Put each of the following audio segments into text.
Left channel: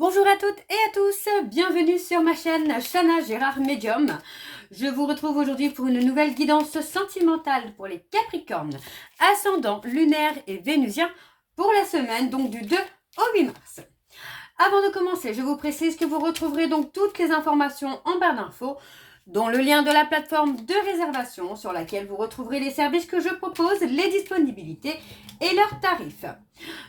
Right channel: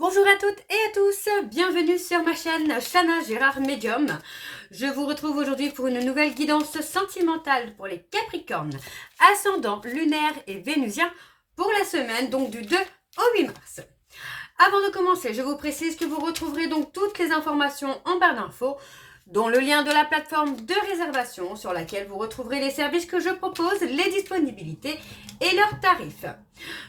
Bonjour à toutes et à tous, bienvenue sur ma chaîne Chana Gérard Medium. Je vous retrouve aujourd'hui pour une nouvelle guidance sentimentale pour les Capricornes, ascendant lunaire et vénusien pour la semaine donc du 2 au 8 mars. Avant de commencer, je vous précise que vous retrouverez donc toutes les informations en barre d'infos, dont le lien de la plateforme de réservation sur laquelle vous retrouverez les services que je propose, les disponibilités et leurs tarifs.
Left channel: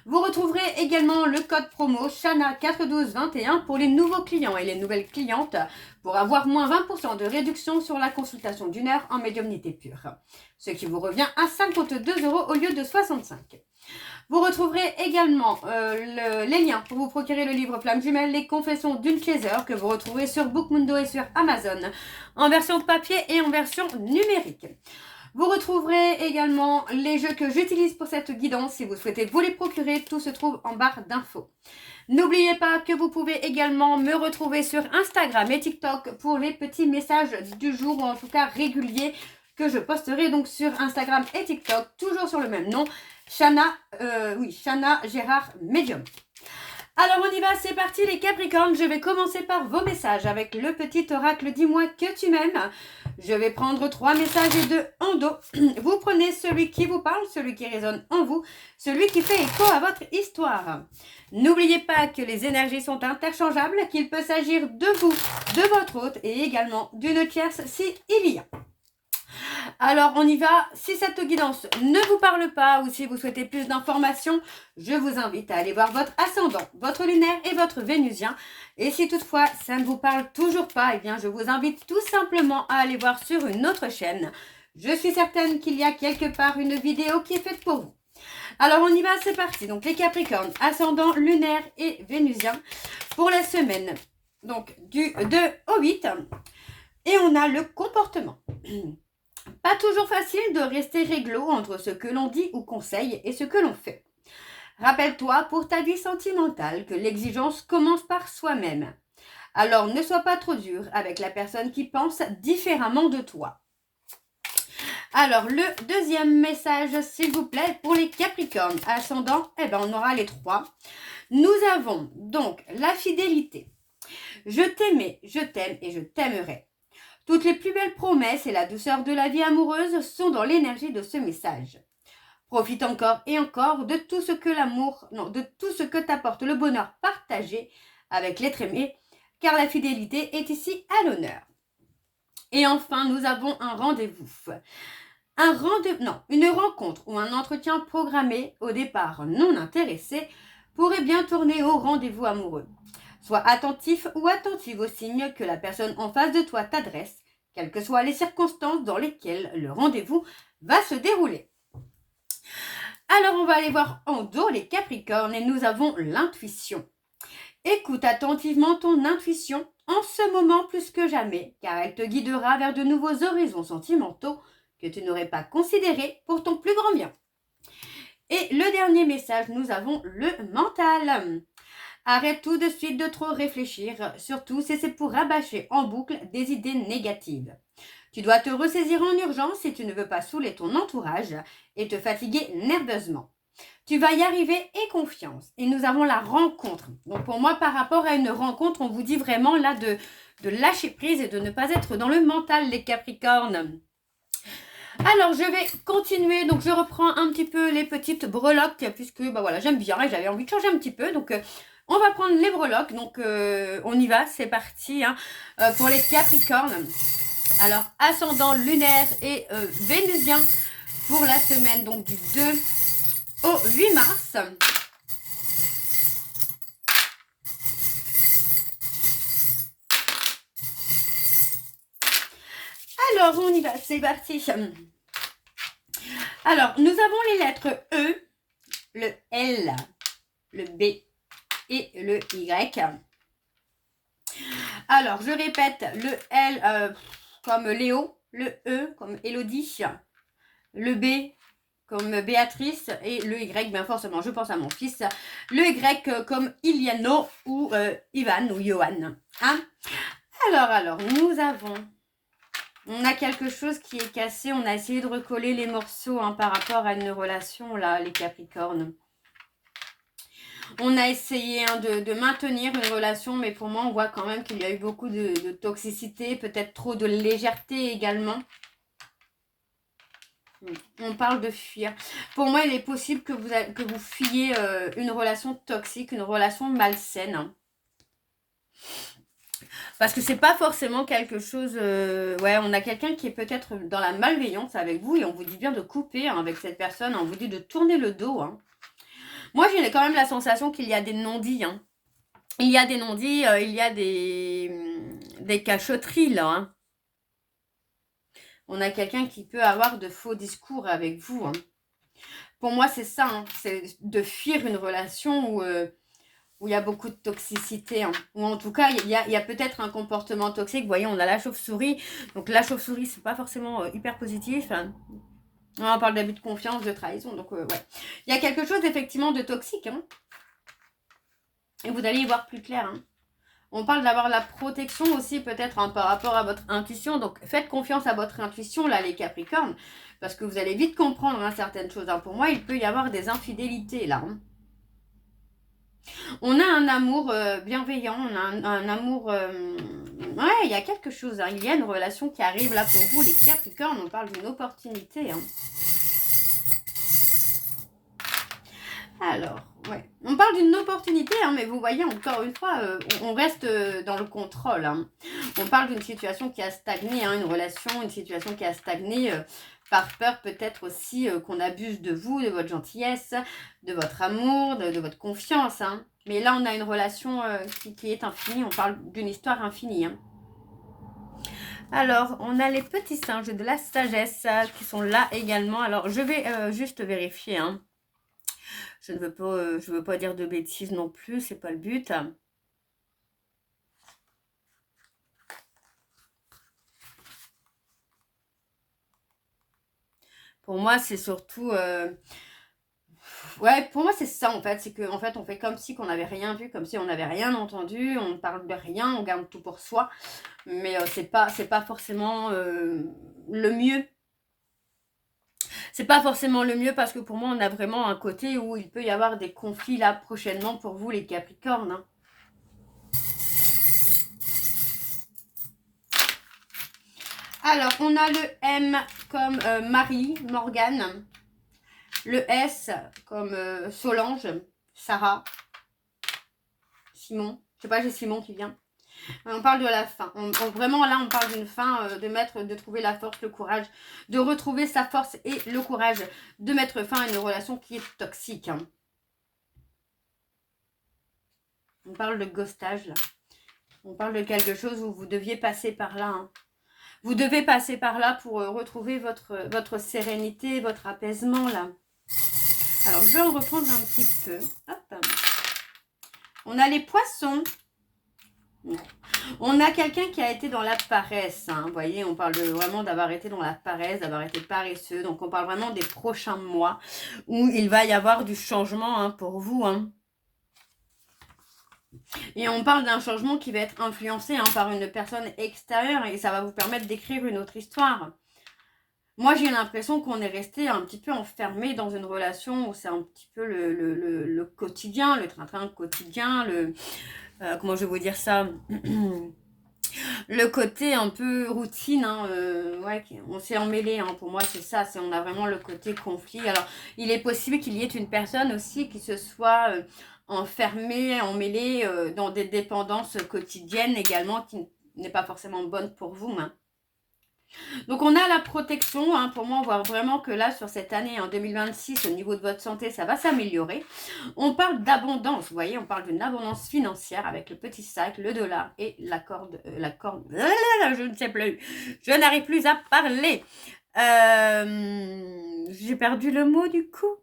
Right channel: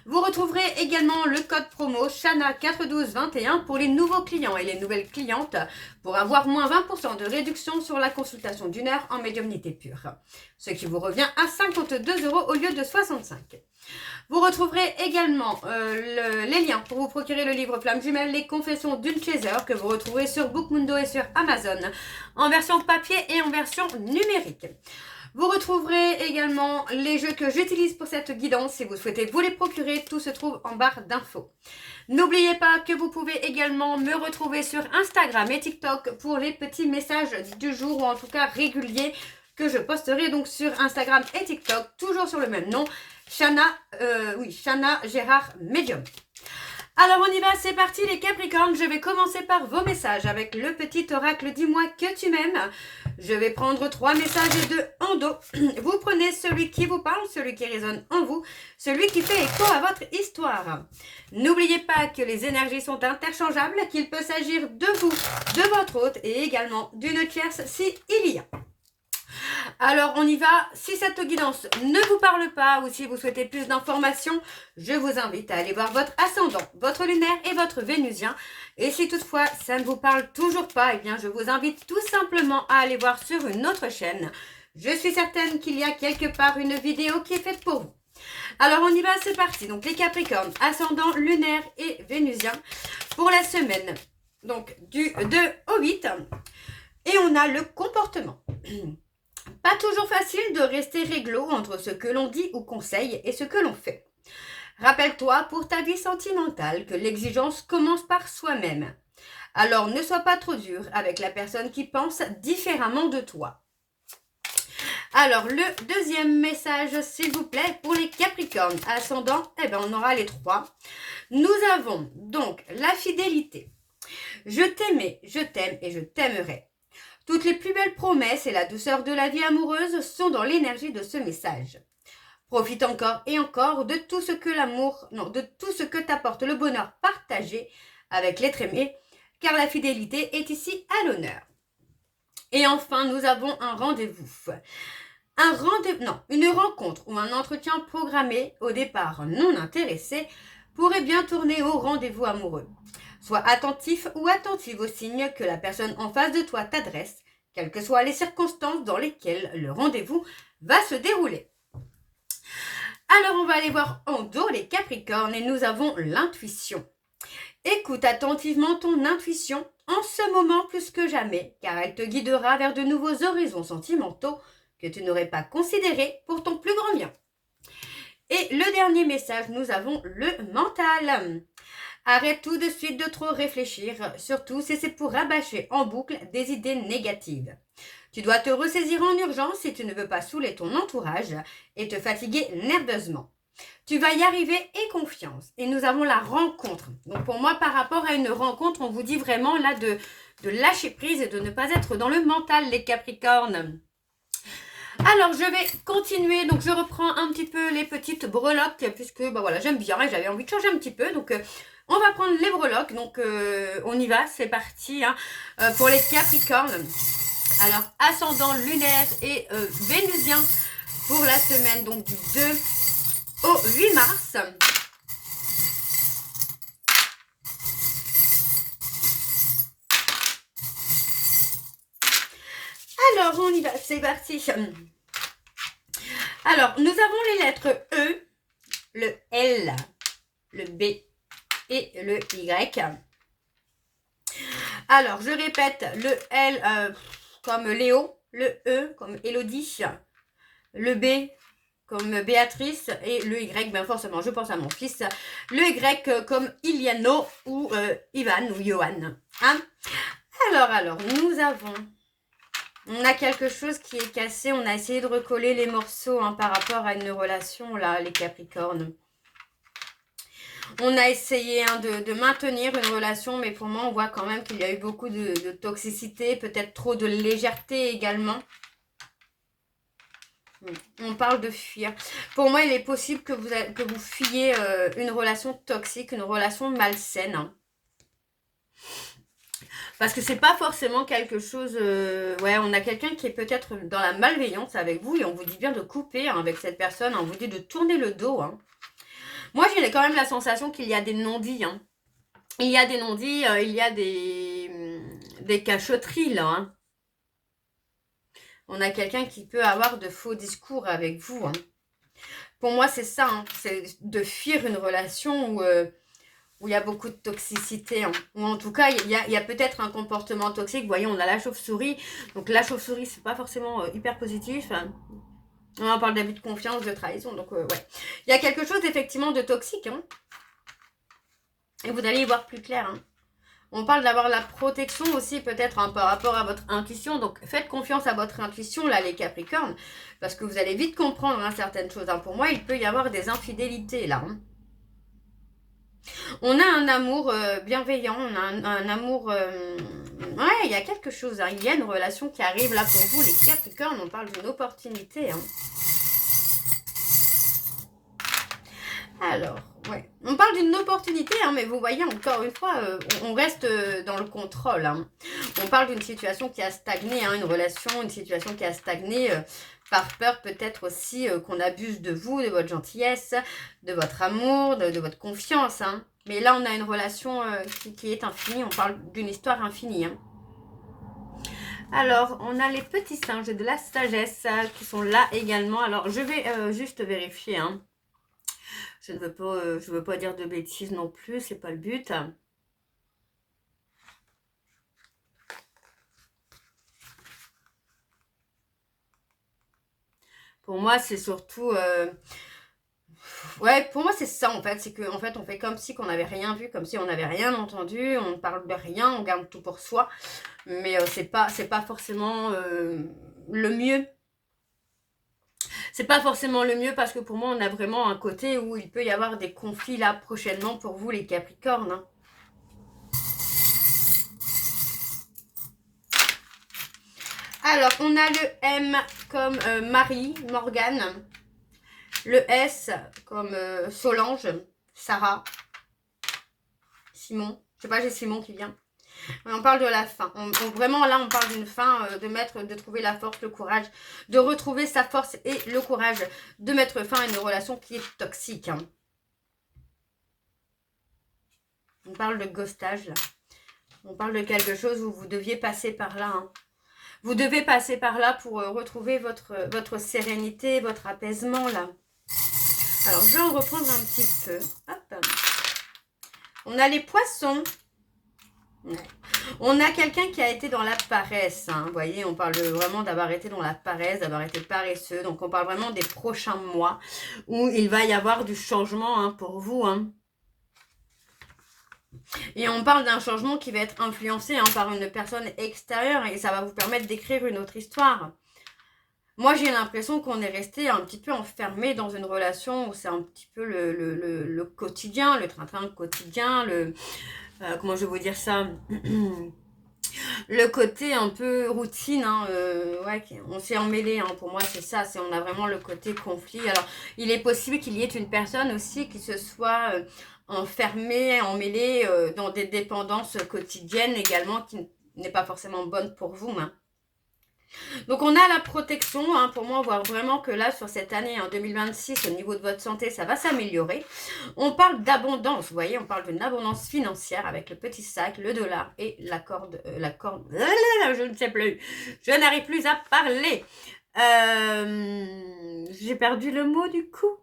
Vous retrouverez également le code promo CHANA41221 pour les nouveaux clients et les nouvelles clientes pour avoir moins 20% de réduction sur la consultation d'une heure en médiumnité pure, ce qui vous revient à 52 € au lieu de 65. Vous retrouverez également les liens pour vous procurer le livre Flamme Jumelle, les confessions d'une chaser que vous retrouverez sur Bookmundo et sur Amazon en version papier et en version numérique. Vous retrouverez également les jeux que j'utilise pour cette guidance. Si vous souhaitez vous les procurer, tout se trouve en barre d'infos. N'oubliez pas que vous pouvez également me retrouver sur Instagram et TikTok pour les petits messages du jour ou en tout cas réguliers que je posterai donc sur Instagram et TikTok, toujours sur le même nom, Chana Gérard Medium. Alors on y va, c'est parti les Capricornes, je vais commencer par vos messages avec le petit oracle dis-moi que tu m'aimes. Je vais prendre 3 messages et 2 en dos. Vous prenez celui qui vous parle, celui qui résonne en vous, celui qui fait écho à votre histoire. N'oubliez pas que les énergies sont interchangeables, qu'il peut s'agir de vous, de votre hôte et également d'une tierce si il y a. Alors, on y va. Si cette guidance ne vous parle pas ou si vous souhaitez plus d'informations, je vous invite à aller voir votre ascendant, votre lunaire et votre vénusien. Et si toutefois, ça ne vous parle toujours pas, eh bien, je vous invite tout simplement à aller voir sur une autre chaîne. Je suis certaine qu'il y a quelque part une vidéo qui est faite pour vous. Alors, on y va, c'est parti. Donc, les Capricornes, ascendant, lunaire et vénusien pour la semaine. Donc, du 2 au 8. Et on a le comportement. Pas toujours facile de rester réglo entre ce que l'on dit ou conseille et ce que l'on fait. Rappelle-toi pour ta vie sentimentale que l'exigence commence par soi-même. Alors ne sois pas trop dur avec la personne qui pense différemment de toi. Alors le deuxième message s'il vous plaît pour les Capricornes ascendant, on aura les 3. Nous avons donc la fidélité. Je t'aimais, je t'aime et je t'aimerai. Toutes les plus belles promesses et la douceur de la vie amoureuse sont dans l'énergie de ce message. Profite encore et encore de tout ce que t'apporte le bonheur partagé avec l'être aimé, car la fidélité est ici à l'honneur. Et enfin, nous avons un rendez-vous. Une rencontre ou un entretien programmé au départ non intéressé pourrait bien tourner au rendez-vous amoureux. Sois attentif ou attentive aux signes que la personne en face de toi t'adresse, quelles que soient les circonstances dans lesquelles le rendez-vous va se dérouler. Alors on va aller voir en dos les Capricornes et nous avons l'intuition. Écoute attentivement ton intuition en ce moment plus que jamais, car elle te guidera vers de nouveaux horizons sentimentaux que tu n'aurais pas considérés pour ton plus grand bien. Et le dernier message, nous avons le mental. Arrête tout de suite de trop réfléchir, surtout si c'est pour rabâcher en boucle des idées négatives. Tu dois te ressaisir en urgence si tu ne veux pas saouler ton entourage et te fatiguer nerveusement. Tu vas y arriver et confiance. Et nous avons la rencontre. Donc pour moi, par rapport à une rencontre, on vous dit vraiment là de lâcher prise et de ne pas être dans le mental, les Capricornes. Alors, je vais continuer. Donc, je reprends un petit peu les petites breloques puisque j'aime bien et j'avais envie de changer un petit peu. Donc, on va prendre les breloques. Donc, on y va. C'est parti pour les Capricornes. Alors, ascendant lunaire et vénusien pour la semaine donc du 2 au 8 mars. Alors, on y va. C'est parti. Alors, nous avons les lettres E, le L, le B et le Y. Alors, je répète, le L comme Léo, le E comme Élodie, le B comme Béatrice et le Y, bien forcément, je pense à mon fils, le Y comme Iliano ou Ivan ou Johan. Hein? Alors, on a quelque chose qui est cassé, on a essayé de recoller les morceaux par rapport à une relation, là, les Capricornes. On a essayé hein, de maintenir une relation, mais pour moi, on voit quand même qu'il y a eu beaucoup de toxicité, peut-être trop de légèreté également. On parle de fuir. Pour moi, il est possible que vous fuyiez une relation toxique, une relation malsaine. Hein. Parce que c'est pas forcément quelque chose... ouais, on a quelqu'un qui est peut-être dans la malveillance avec vous et on vous dit bien de couper hein, avec cette personne. Hein, on vous dit de tourner le dos. Hein. Moi, j'ai quand même la sensation qu'il y a des non-dits. Hein. Il y a des non-dits, il y a des cachotteries là. Hein. On a quelqu'un qui peut avoir de faux discours avec vous. Hein. Pour moi, c'est ça. Hein. C'est de fuir une relation où il y a beaucoup de toxicité. Hein. Ou en tout cas, il y a peut-être un comportement toxique. Vous voyez, on a la chauve-souris. Donc la chauve-souris, c'est pas forcément hyper positif. Hein. On parle d'abus de confiance, de trahison. Donc ouais. Il y a quelque chose effectivement de toxique. Hein. Et vous allez y voir plus clair. Hein. On parle d'avoir la protection aussi peut-être hein, par rapport à votre intuition. Donc faites confiance à votre intuition là les Capricornes. Parce que vous allez vite comprendre hein, certaines choses. Hein. Pour moi, il peut y avoir des infidélités là. Hein. On a un amour bienveillant, on a un amour... ouais, il y a quelque chose, hein. Il y a une relation qui arrive là pour vous, les Capricornes, on parle d'une opportunité. Hein. Alors, ouais, on parle d'une opportunité, hein, mais vous voyez, encore une fois, on reste dans le contrôle. Hein. On parle d'une situation qui a stagné, hein, une relation, une situation qui a stagné... par peur peut-être aussi qu'on abuse de vous, de votre gentillesse, de votre amour, de votre confiance. Hein. Mais là, on a une relation qui est infinie. On parle d'une histoire infinie. Hein. Alors, on a les petits singes de la sagesse qui sont là également. Alors, je vais juste vérifier. Hein. Je ne veux pas dire de bêtises non plus. C'est pas le but. Pour moi, c'est surtout... ouais, pour moi, c'est ça, en fait. C'est qu'en fait, on fait comme si qu'on n'avait rien vu, comme si on n'avait rien entendu. On ne parle de rien, on garde tout pour soi. Mais c'est pas forcément le mieux. C'est pas forcément le mieux parce que pour moi, on a vraiment un côté où il peut y avoir des conflits là prochainement pour vous, les Capricornes. Hein. Alors, on a le M comme Marie, Morgane. Le S comme Solange, Sarah, Simon. Je sais pas, j'ai Simon qui vient. On parle de la fin. Vraiment, là, on parle d'une fin, de trouver la force, le courage, de retrouver sa force et le courage de mettre fin à une relation qui est toxique. Hein. On parle de ghostage, là. On parle de quelque chose où vous deviez passer par là. Hein. Vous devez passer par là pour retrouver votre sérénité, votre apaisement, là. Alors, je vais en reprendre un petit peu. Hop. On a les poissons. Ouais. On a quelqu'un qui a été dans la paresse. Hein. Vous voyez, on parle vraiment d'avoir été dans la paresse, d'avoir été paresseux. Donc, on parle vraiment des prochains mois où il va y avoir du changement hein, pour vous. Hein. Et on parle d'un changement qui va être influencé hein, par une personne extérieure et ça va vous permettre d'écrire une autre histoire. Moi, j'ai l'impression qu'on est resté un petit peu enfermé dans une relation où c'est un petit peu le quotidien, le train-train quotidien, comment je vais vous dire ça le côté un peu routine, hein, ouais, on s'est emmêlé, hein, pour moi c'est ça, on a vraiment le côté conflit. Alors, il est possible qu'il y ait une personne aussi qui se soit enfermée, emmêlée dans des dépendances quotidiennes également, qui n'est pas forcément bonne pour vous. Hein. Donc, on a la protection. Hein, pour moi, on voit vraiment que là, sur cette année, en 2026, au niveau de votre santé, ça va s'améliorer. On parle d'abondance. Vous voyez, on parle d'une abondance financière avec le petit sac, le dollar et la corde. Je ne sais plus. Je n'arrive plus à parler. J'ai perdu le mot du coup.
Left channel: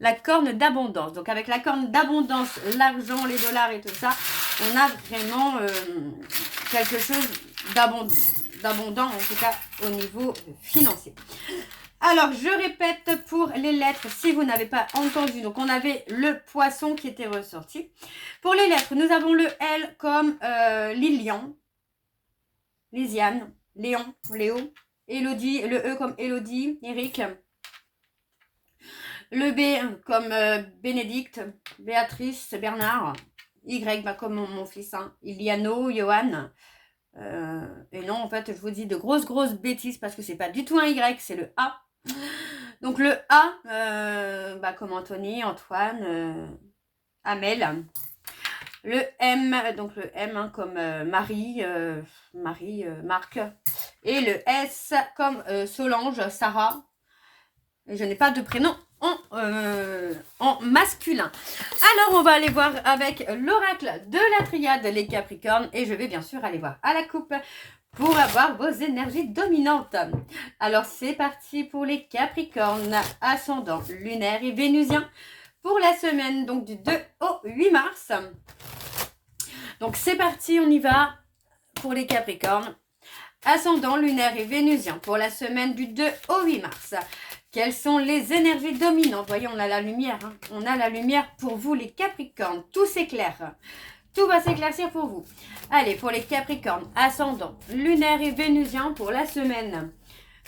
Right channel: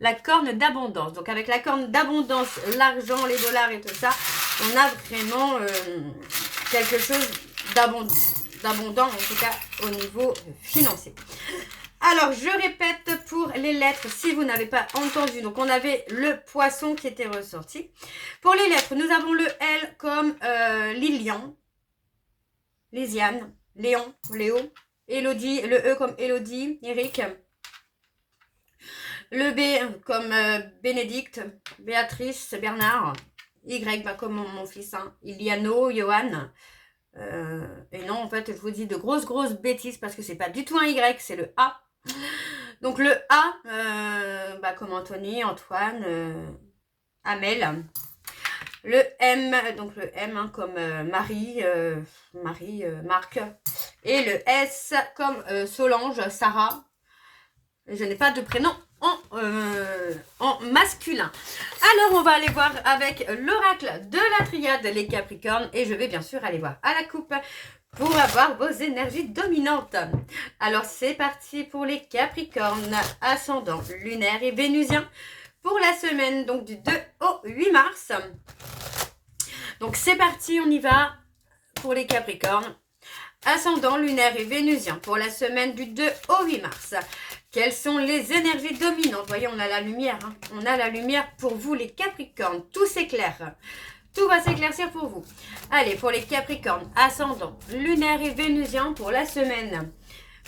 La corne d'abondance. Donc, avec la corne d'abondance, l'argent, les dollars et tout ça, on a vraiment quelque chose d'abondant, en tout cas au niveau financier. Alors, je répète pour les lettres, si vous n'avez pas entendu. Donc, on avait le poisson qui était ressorti. Pour les lettres, nous avons le L comme Lilian, Lisiane, Léon, Léo, Élodie, le E comme Élodie, Eric. Le B comme Bénédicte, Béatrice, Bernard. Y comme mon fils, hein. Iliano, Johan. Et non, en fait, je vous dis de grosses bêtises parce que c'est pas du tout un Y, c'est le A. Donc le A, comme Anthony, Antoine, Amel. Le M, donc le M hein, comme Marie, Marc. Et le S comme Solange, Sarah. Et je n'ai pas de prénom en masculin. Alors, on va aller voir avec l'oracle de la triade, les Capricornes. Et je vais bien sûr aller voir à la coupe pour avoir vos énergies dominantes. Alors, c'est parti pour les Capricornes, ascendant lunaire et vénusien. Pour la semaine donc du 2 au 8 mars. Donc, c'est parti, on y va pour les Capricornes. Ascendant lunaire et vénusien pour la semaine du 2 au 8 mars. Quelles sont les énergies dominantes? Vous voyez, on a la lumière. Hein. On a la lumière pour vous, les Capricornes. Tout s'éclaire. Tout va s'éclaircir pour vous. Allez, pour les Capricornes, ascendant lunaire et vénusien pour la semaine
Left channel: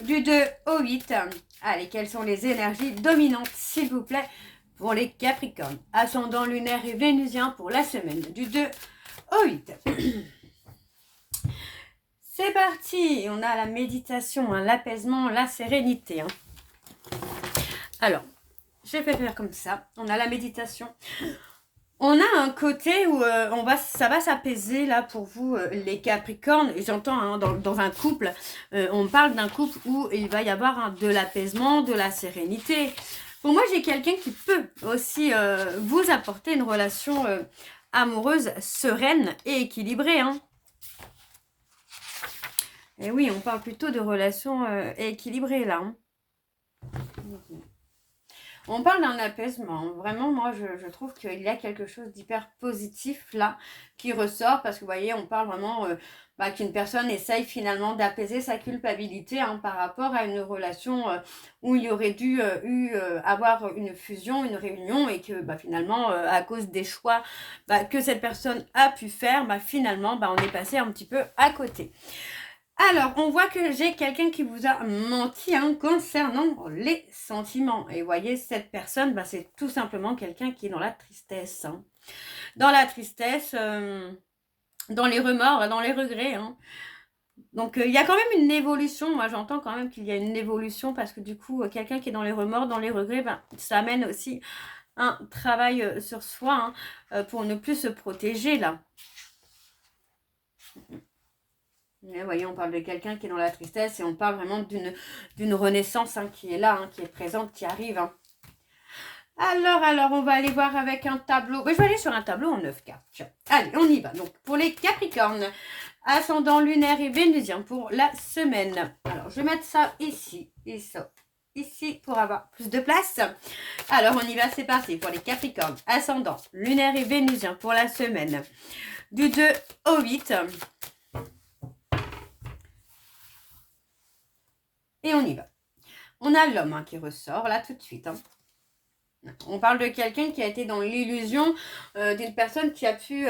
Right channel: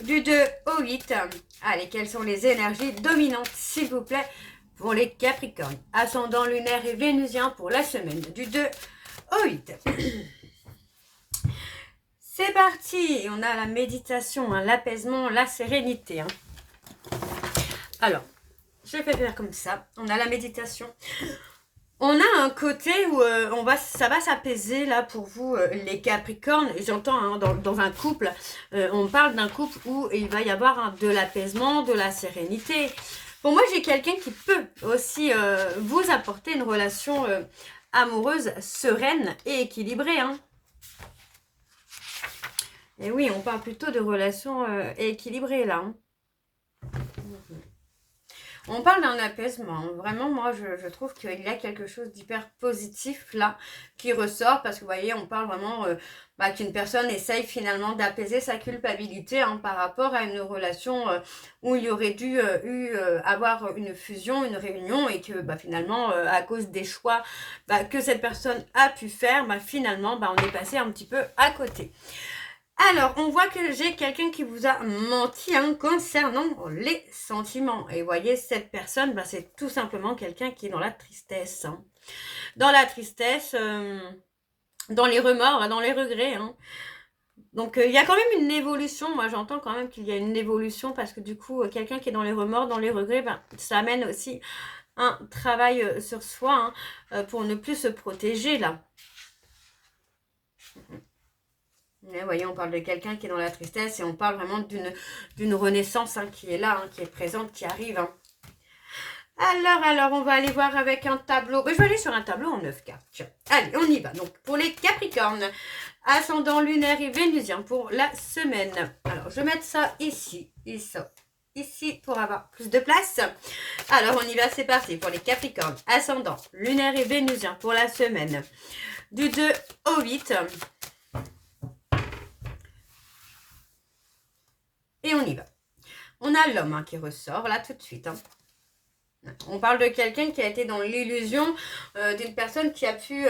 du 2 au 8. Allez, quelles sont les énergies dominantes, s'il vous plaît, pour les Capricornes? Ascendant lunaire et vénusien pour la semaine du 2 au 8. C'est parti. On a la méditation, hein, l'apaisement, la sérénité. Hein. Alors, je vais faire comme ça. On a la méditation. On a un côté où ça va s'apaiser là pour vous, les Capricornes. J'entends hein, dans un couple, on parle d'un couple où il va y avoir hein, de l'apaisement, de la sérénité. Pour moi, j'ai quelqu'un qui peut aussi vous apporter une relation amoureuse, sereine et équilibrée. Hein. Et oui, on parle plutôt de relations équilibrées là. Hein. On parle d'un apaisement. Vraiment, moi, je trouve qu'il y a quelque chose d'hyper positif là qui ressort. Parce que vous voyez, on parle vraiment qu'une personne essaye finalement d'apaiser sa culpabilité hein, par rapport à une relation où il y aurait dû avoir une fusion, une réunion. Et que finalement, à cause des choix que cette personne a pu faire, finalement, on est passé un petit peu à côté. Alors, on voit que j'ai quelqu'un qui vous a menti hein, concernant les sentiments. Et vous voyez, cette personne, c'est tout simplement quelqu'un qui est dans la tristesse. Hein. Dans la tristesse, dans les remords, dans les regrets. Hein. Donc, il y a quand même une évolution. Moi, j'entends quand même qu'il y a une évolution parce que du coup, quelqu'un qui est dans les remords, dans les regrets, ça amène aussi un travail sur soi hein, pour ne plus se protéger là. Et vous voyez, on parle de quelqu'un qui est dans la tristesse et on parle vraiment d'une renaissance hein, qui est là, hein, qui est présente, qui arrive. Hein. Alors, on va aller voir avec un tableau. Je vais aller sur un tableau en 9 cartes. Tiens. Allez, on y va. Donc, pour les Capricornes, ascendant lunaire et vénusien pour la semaine. Alors, je vais mettre ça ici et ça ici pour avoir plus de place. Alors, on y va, c'est parti. Pour les Capricornes, ascendant lunaire et vénusien pour la semaine du 2 au 8. Et on y va. On a l'homme hein, qui ressort là tout de suite. Hein. On parle de quelqu'un qui a été dans l'illusion d'une personne qui a pu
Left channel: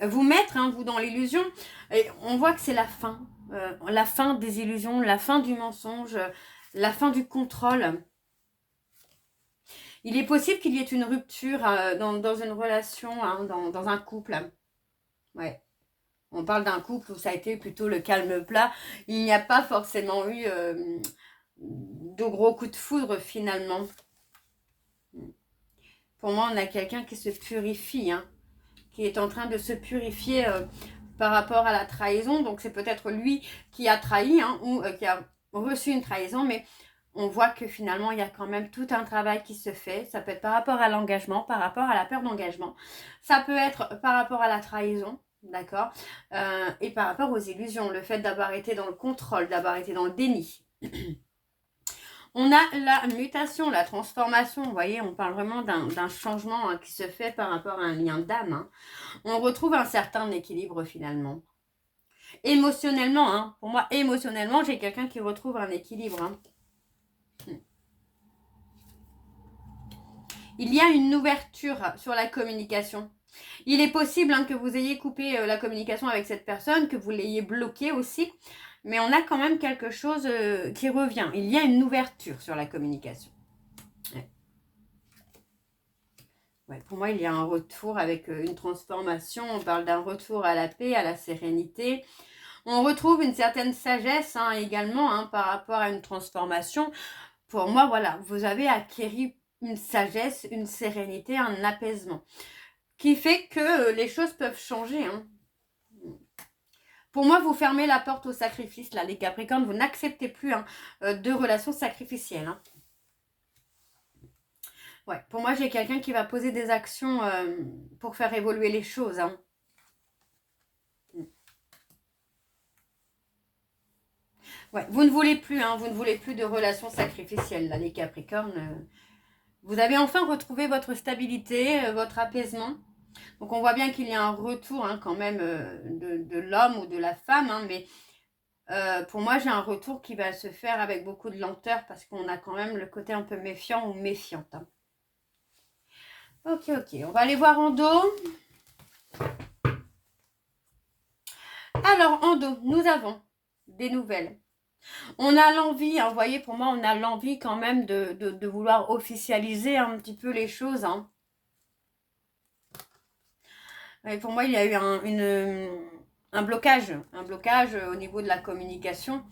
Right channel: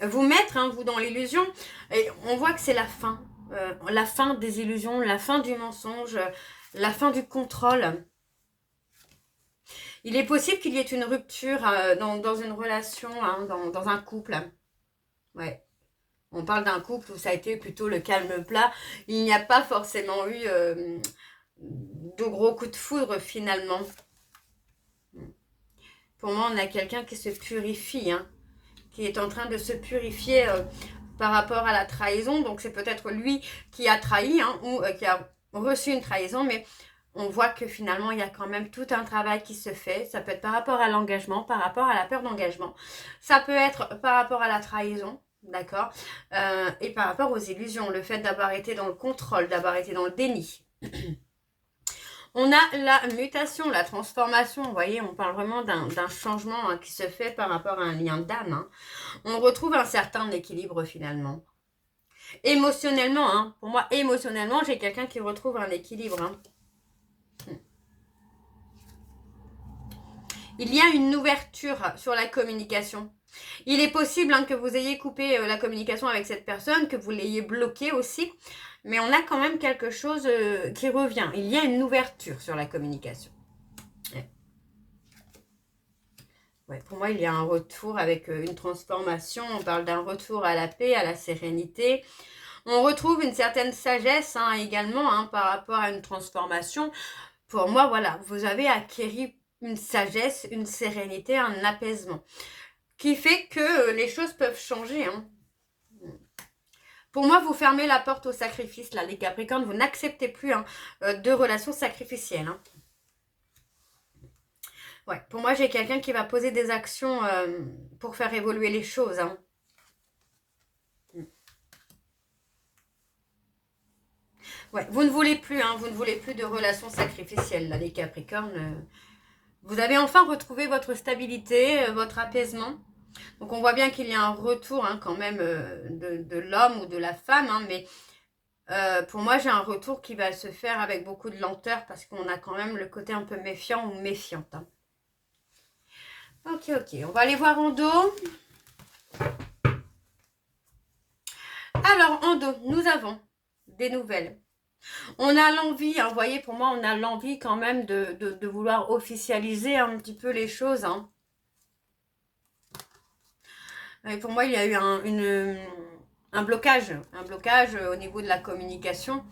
vous mettre, hein, vous, dans l'illusion. Et on voit que c'est la fin des illusions, la fin du mensonge, la fin du contrôle. Il est possible qu'il y ait une rupture dans une relation, hein, dans un couple. Ouais. On parle d'un couple où ça a été plutôt le calme plat. Il n'y a pas forcément eu de gros coups de foudre finalement. Pour moi, on a quelqu'un qui se purifie, hein, qui est en train de se purifier par rapport à la trahison. Donc, c'est peut-être lui qui a trahi hein, ou qui a reçu une trahison. Mais on voit que finalement, il y a quand même tout un travail qui se fait. Ça peut être par rapport à l'engagement, par rapport à la peur d'engagement. Ça peut être par rapport à la trahison. D'accord, et par rapport aux illusions, le fait d'avoir été dans le contrôle, d'avoir été dans le déni. On a la mutation, la transformation, vous voyez, on parle vraiment d'un changement hein, qui se fait par rapport à un lien d'âme. Hein. On retrouve un certain équilibre finalement. Émotionnellement, hein, pour moi, émotionnellement, j'ai quelqu'un qui retrouve un équilibre. Hein. Il y a une ouverture sur la communication. Il est possible hein, que vous ayez coupé la communication avec cette personne, que vous l'ayez bloquée aussi. Mais on a quand même quelque chose qui revient. Il y a une ouverture sur la communication. Ouais, pour moi, il y a un retour avec une transformation. On parle d'un retour à la paix, à la sérénité. On retrouve une certaine sagesse hein, également hein, par rapport à une transformation. Pour moi, voilà, vous avez acquis une sagesse, une sérénité, un apaisement qui fait que les choses peuvent changer. Hein. Pour moi, vous fermez la porte au sacrifice, là, les Capricornes. Vous n'acceptez plus hein, de relations sacrificielles. Hein. Ouais, pour moi, j'ai quelqu'un qui va poser des actions pour faire évoluer les choses. Hein. Ouais, vous ne voulez plus, hein, vous ne voulez plus de relations sacrificielles, là, les Capricornes. Vous avez enfin retrouvé votre stabilité, votre apaisement. Donc, on voit bien qu'il y a un retour hein, quand même de l'homme ou de la femme. Hein, mais pour moi, j'ai un retour qui va se faire avec beaucoup de lenteur parce qu'on a quand même le côté un peu méfiant ou méfiante. Hein. Ok, ok. On va aller voir en dos. Alors, en dos, nous avons des nouvelles. On a l'envie, hein, vous voyez, pour moi, on a l'envie quand même de vouloir officialiser un petit peu les choses. Hein. Et pour moi, il y a eu un blocage au niveau de la communication.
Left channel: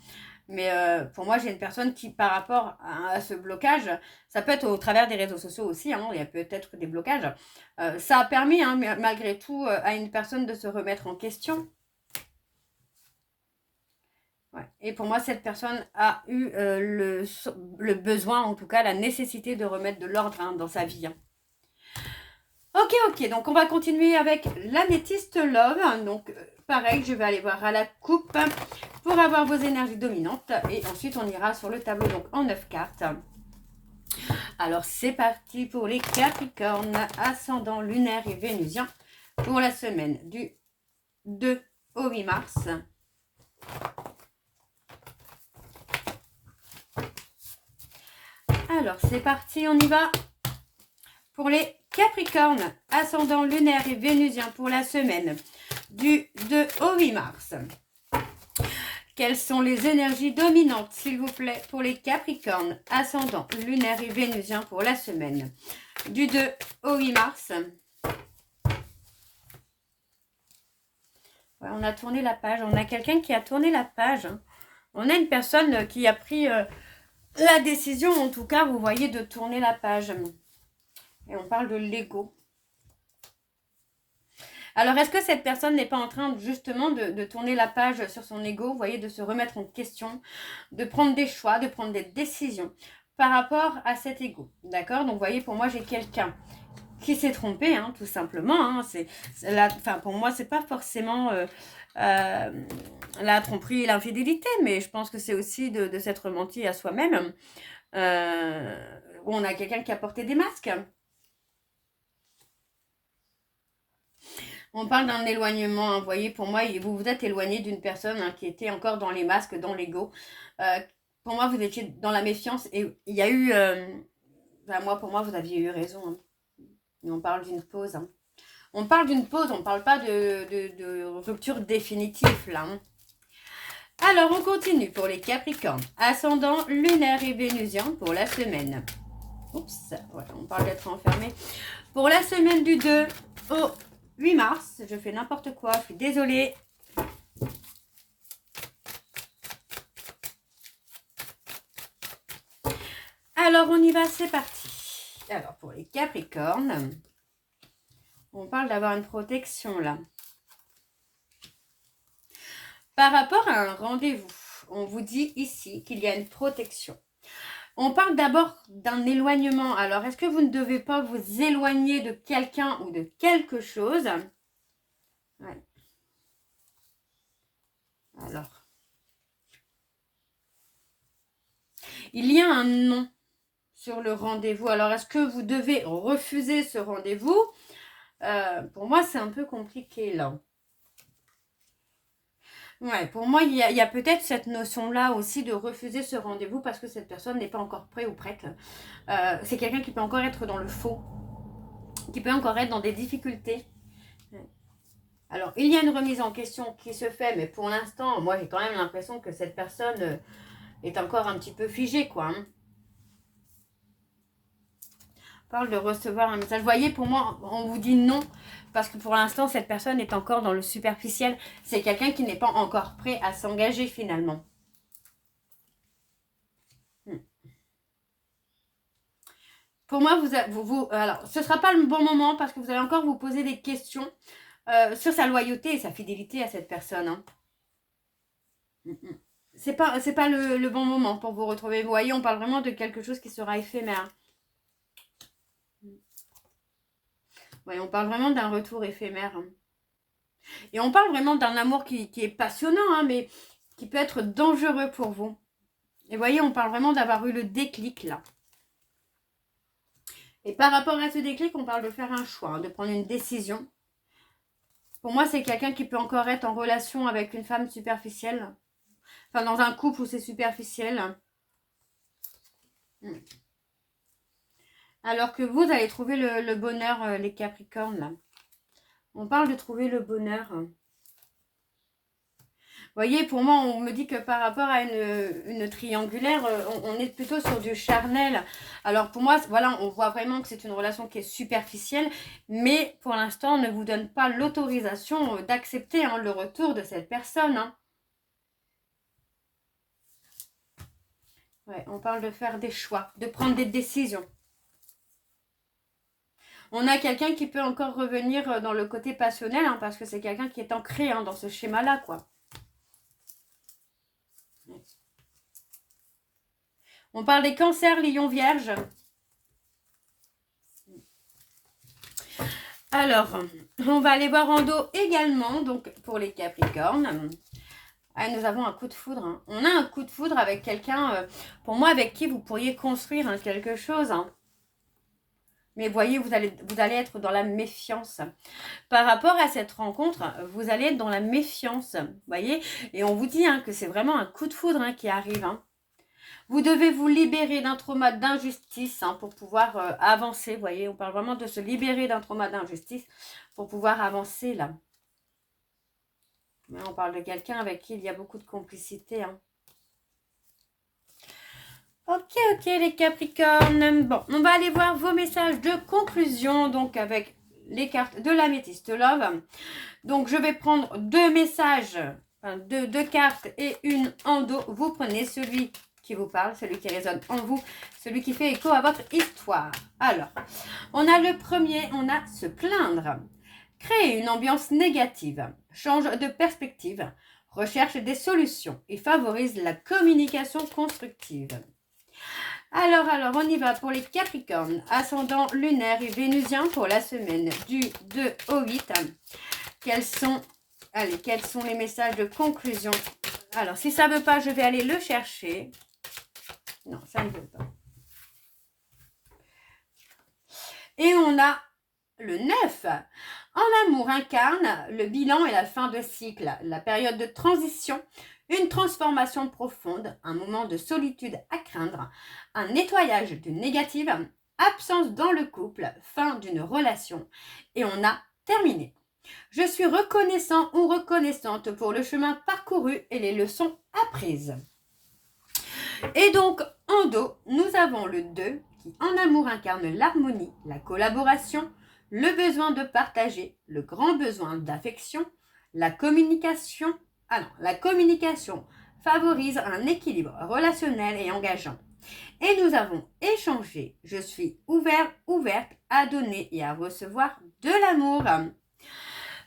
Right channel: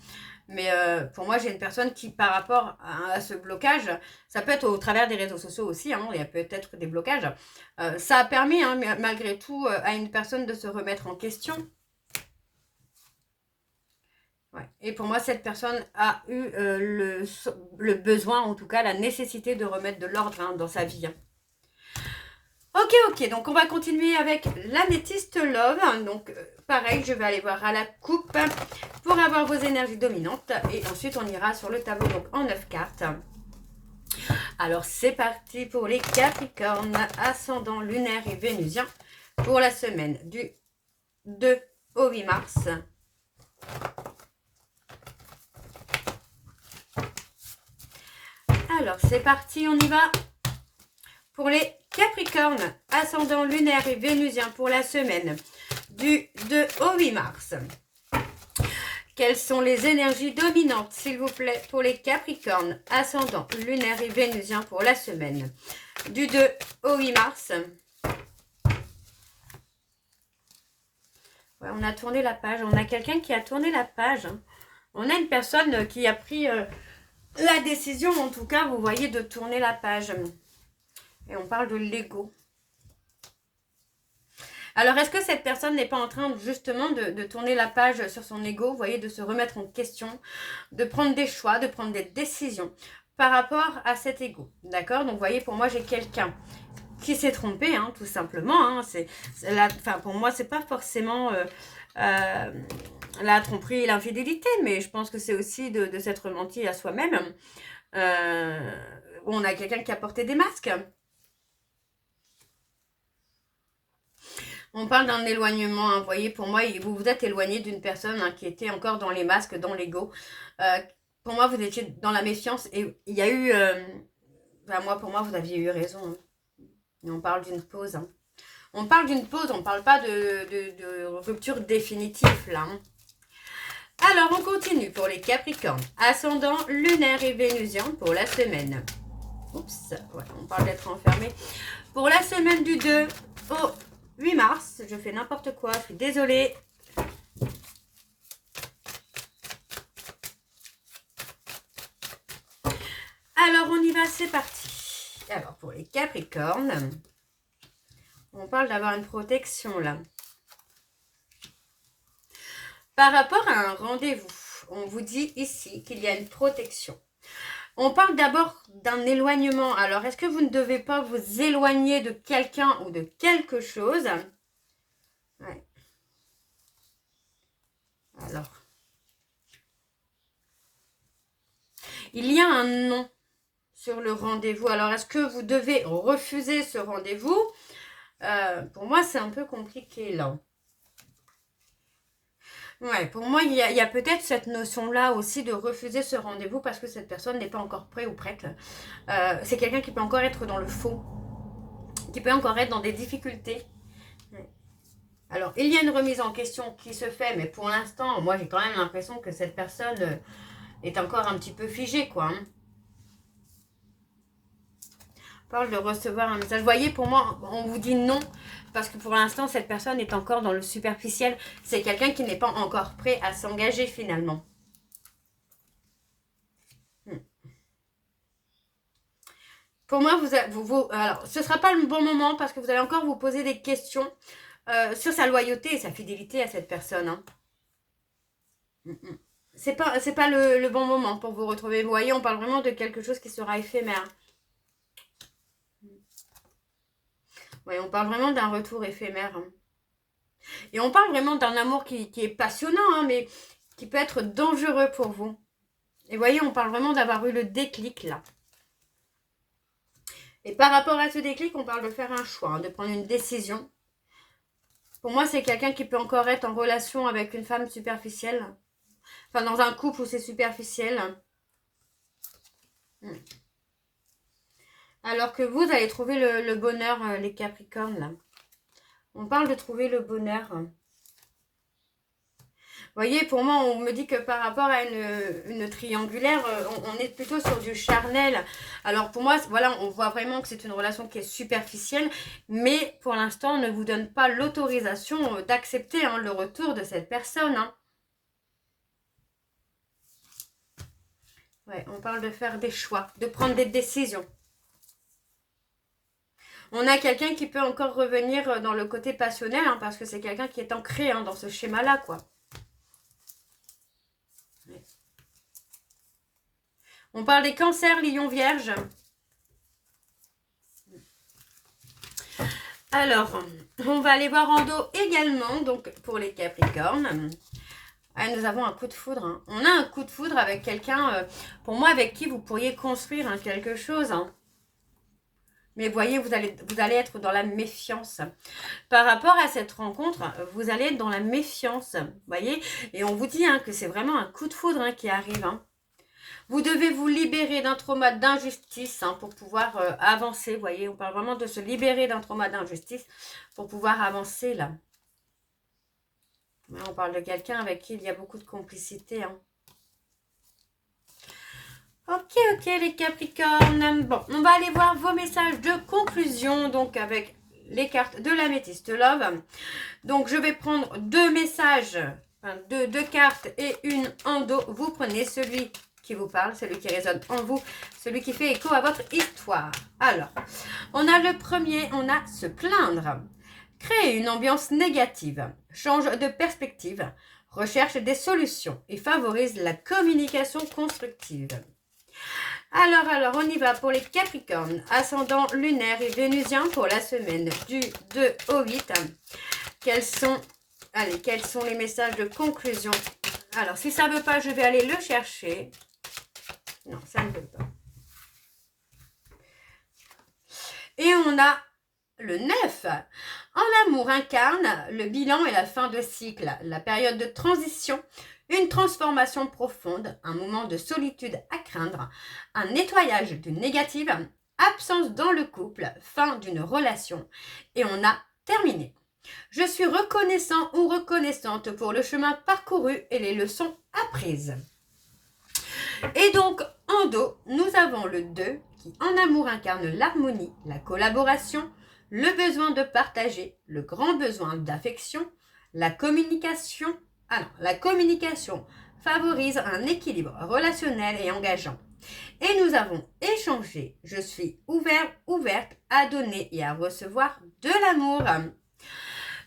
Mais pour moi, j'ai une personne qui, par rapport à ce blocage, ça peut être au travers des réseaux sociaux aussi, hein, il y a peut-être des blocages. Ça a permis, hein, malgré tout, à une personne de se remettre en question. Ouais. Et pour moi, cette personne a eu le besoin, en tout cas la nécessité de remettre de l'ordre hein, dans sa vie. Hein. Ok, ok, donc on va continuer avec l'améthyste love. Donc pareil, je vais aller voir à la coupe pour avoir vos énergies dominantes. Et ensuite, on ira sur le tableau donc en 9 cartes. Alors c'est parti pour les Capricornes, ascendant lunaire et vénusien pour la semaine du 2 au 8 mars. Alors, c'est parti, on y va pour les Capricornes, ascendant lunaire et vénusien pour la semaine du 2 au 8 mars. Quelles sont les énergies dominantes, s'il vous plaît, pour les Capricornes, ascendant lunaire et vénusien pour la semaine du 2 au 8 mars. Ouais, on a tourné la page, on a quelqu'un qui a tourné la page. Hein. On a une personne qui a pris... la décision, en tout cas, vous voyez, de tourner la page. Et on parle de l'ego. Alors, est-ce que cette personne n'est pas en train, justement, de tourner la page sur son ego, vous voyez, de se remettre en question, de prendre des choix, de prendre des décisions par rapport à cet ego. D'accord? Donc, vous voyez, pour moi, j'ai quelqu'un qui s'est trompé, hein, tout simplement. Hein. Pour moi, c'est pas forcément... la tromperie et l'infidélité, mais je pense que c'est aussi de s'être menti à soi-même. On a quelqu'un qui a porté des masques. On parle d'un éloignement, hein. Vous voyez, pour moi, vous vous êtes éloigné d'une personne hein, qui était encore dans les masques, dans l'ego. Pour moi, vous étiez dans la méfiance et il y a eu... pour moi, vous aviez eu raison. Hein. Et on parle d'une pause. Hein. On parle d'une pause, on ne parle pas de rupture définitive, là. Hein. Alors, on continue pour les Capricornes. Ascendant lunaire et vénusien pour la semaine. Oups, ouais, on parle d'être enfermé. Pour la semaine du 2 au 8 mars, je fais n'importe quoi, je suis désolée. Alors, on y va, c'est parti. Alors, pour les Capricornes, on parle d'avoir une protection, là. Par rapport à un rendez-vous, on vous dit ici qu'il y a une protection. On parle d'abord d'un éloignement. Alors, est-ce que vous ne devez pas vous éloigner de quelqu'un ou de quelque chose? Ouais. Alors. Il y a un non sur le rendez-vous. Alors, est-ce que vous devez refuser ce rendez-vous? Pour moi, c'est un peu compliqué, là. Ouais, pour moi, il y a peut-être cette notion-là aussi de refuser ce rendez-vous parce que cette personne n'est pas encore prête ou prête. C'est quelqu'un qui peut encore être dans le faux, qui peut encore être dans des difficultés. Ouais. Alors, il y a une remise en question qui se fait, mais pour l'instant, moi, j'ai quand même l'impression que cette personne est encore un petit peu figée, quoi. Hein. On parle de recevoir un message. Vous voyez, pour moi, on vous dit non. Parce que pour l'instant, cette personne est encore dans le superficiel. C'est quelqu'un qui n'est pas encore prêt à s'engager finalement. Pour moi, alors, ce ne sera pas le bon moment parce que vous allez encore vous poser des questions sur sa loyauté et sa fidélité à cette personne. Hein. C'est pas le bon moment pour vous retrouver. Vous voyez, on parle vraiment de quelque chose qui sera éphémère. Oui, on parle vraiment d'un retour éphémère. Et on parle vraiment d'un amour qui est passionnant, hein, mais qui peut être dangereux pour vous. Et vous voyez, on parle vraiment d'avoir eu le déclic là. Et par rapport à ce déclic, on parle de faire un choix, hein, de prendre une décision. Pour moi, c'est quelqu'un qui peut encore être en relation avec une femme superficielle. Enfin, dans un couple où c'est superficiel. Alors que vous allez trouver le bonheur, les Capricornes. Là. On parle de trouver le bonheur. Vous voyez, pour moi, on me dit que par rapport à une triangulaire, on est plutôt sur du charnel. Alors pour moi, voilà, on voit vraiment que c'est une relation qui est superficielle. Mais pour l'instant, on ne vous donne pas l'autorisation d'accepter hein, le retour de cette personne. Hein. Ouais, on parle de faire des choix, de prendre des décisions. On a quelqu'un qui peut encore revenir dans le côté passionnel, hein, parce que c'est quelqu'un qui est ancré hein, dans ce schéma-là, quoi. Ouais. On parle des cancers, lions, vierges. Alors, on va aller voir en dos également, donc pour les Capricornes. Ah, nous avons un coup de foudre. Hein. On a un coup de foudre avec quelqu'un, pour moi, avec qui vous pourriez construire hein, quelque chose. Hein. Mais voyez, vous allez être dans la méfiance. Par rapport à cette rencontre, vous allez être dans la méfiance. Voyez, et on vous dit hein, que c'est vraiment un coup de foudre hein, qui arrive. Hein. Vous devez vous libérer d'un trauma d'injustice hein, pour pouvoir avancer. Voyez, on parle vraiment de se libérer d'un trauma d'injustice pour pouvoir avancer là. On parle de quelqu'un avec qui il y a beaucoup de complicité. Hein. Ok, les Capricornes. Bon, on va aller voir vos messages de conclusion, donc avec les cartes de l'Améthyste Love. Donc, je vais prendre deux messages, enfin, deux cartes et une en dos. Vous prenez celui qui vous parle, celui qui résonne en vous, celui qui fait écho à votre histoire. Alors, on a le premier, on a se plaindre. Créer une ambiance négative, change de perspective, recherche des solutions et favorise la communication constructive. Alors, on y va pour les Capricornes, ascendant lunaire et vénusien pour la semaine du 2 au 8. Quels sont les messages de conclusion? Alors, si ça ne veut pas, je vais aller le chercher. Non, ça ne veut pas. Et on a le 9. En amour incarne le bilan et la fin de cycle, la période de transition, une transformation profonde, un moment de solitude à craindre, un nettoyage du négatif, absence dans le couple, fin d'une relation. Et on a terminé. Je suis reconnaissant ou reconnaissante pour le chemin parcouru et les leçons apprises. Et donc, en dos, nous avons le 2 qui, en amour, incarne l'harmonie, la collaboration, le besoin de partager, le grand besoin d'affection, la communication. Alors, la communication favorise un équilibre relationnel et engageant. Et nous avons échangé. Je suis ouverte à donner et à recevoir de l'amour.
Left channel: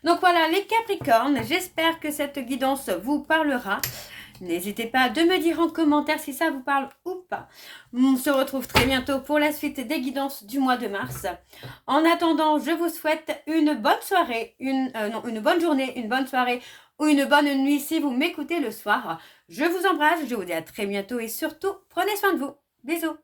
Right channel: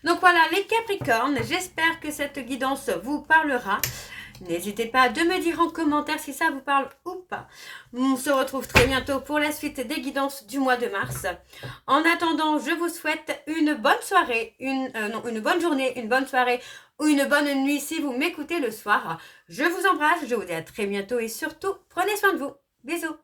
Donc voilà, les Capricornes, j'espère que cette guidance vous parlera. N'hésitez pas de me dire en commentaire si ça vous parle ou pas. On se retrouve très bientôt pour la suite des guidances du mois de mars. En attendant, je vous souhaite une bonne soirée, une bonne journée, une bonne soirée ou une bonne nuit si vous m'écoutez le soir. Je vous embrasse, je vous dis à très bientôt et surtout, prenez soin de vous. Bisous.